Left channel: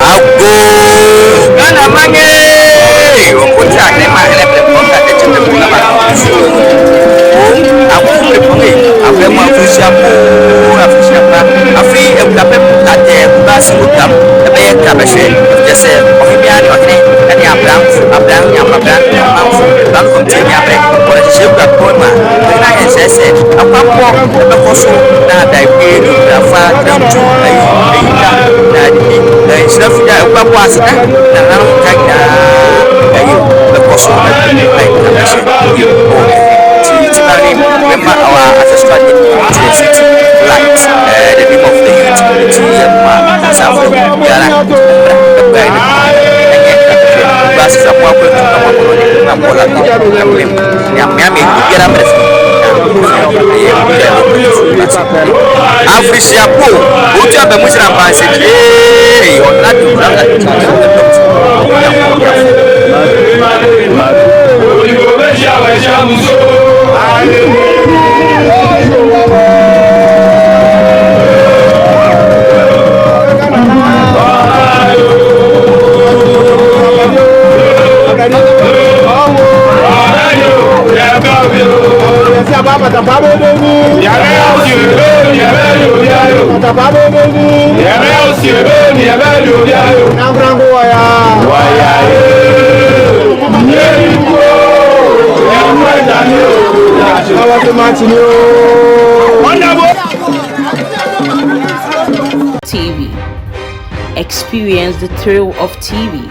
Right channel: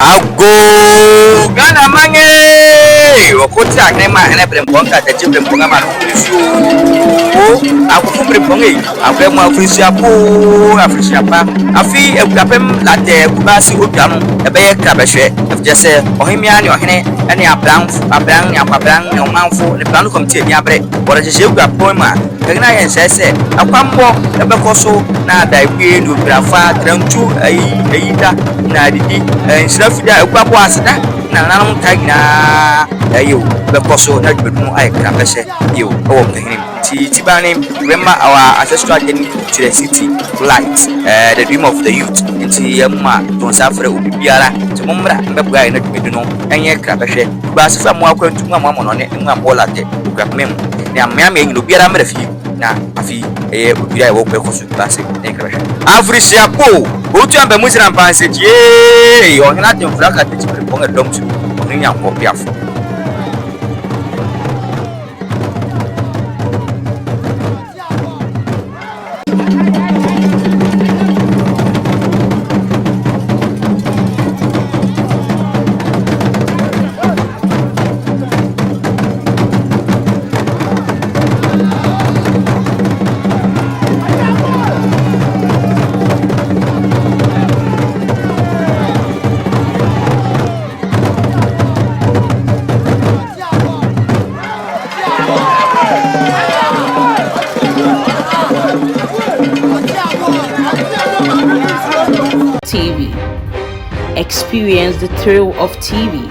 Ago Ghana mange Wakuti agnema elebre mponga Techibre mponga makufu Akufumbre mponge Akwemu afrishiapa Afi ekapem late kubasi ukam Ebeye krabeshe Efjese ohimiani wahine Eni abrang Nyonganfu Eplanu komtie miabre Wala jishe ukapoma Kena yensese Akwampo Ebekoso Na daikwe Nubrafa Tramchu Eyida Na didi Sirafida Ukwapo asita Na nanong kagina Ayo Bekoso Na dumu Krabeshe Yo Okay Tibani, remember our ancestral journey to the city light, the dream of the youth. Tiama, Safra, Yara, Umbra, Pepga, and yet Krabeshe, Bass somewhere to come on it, Mamola, Mem, Yammy, Lubiara Murphy. I open for classic. Africia Po, who jump a Muslim and said, yea, you're not the brother to the doctor. TV. Experience the thrill of TV.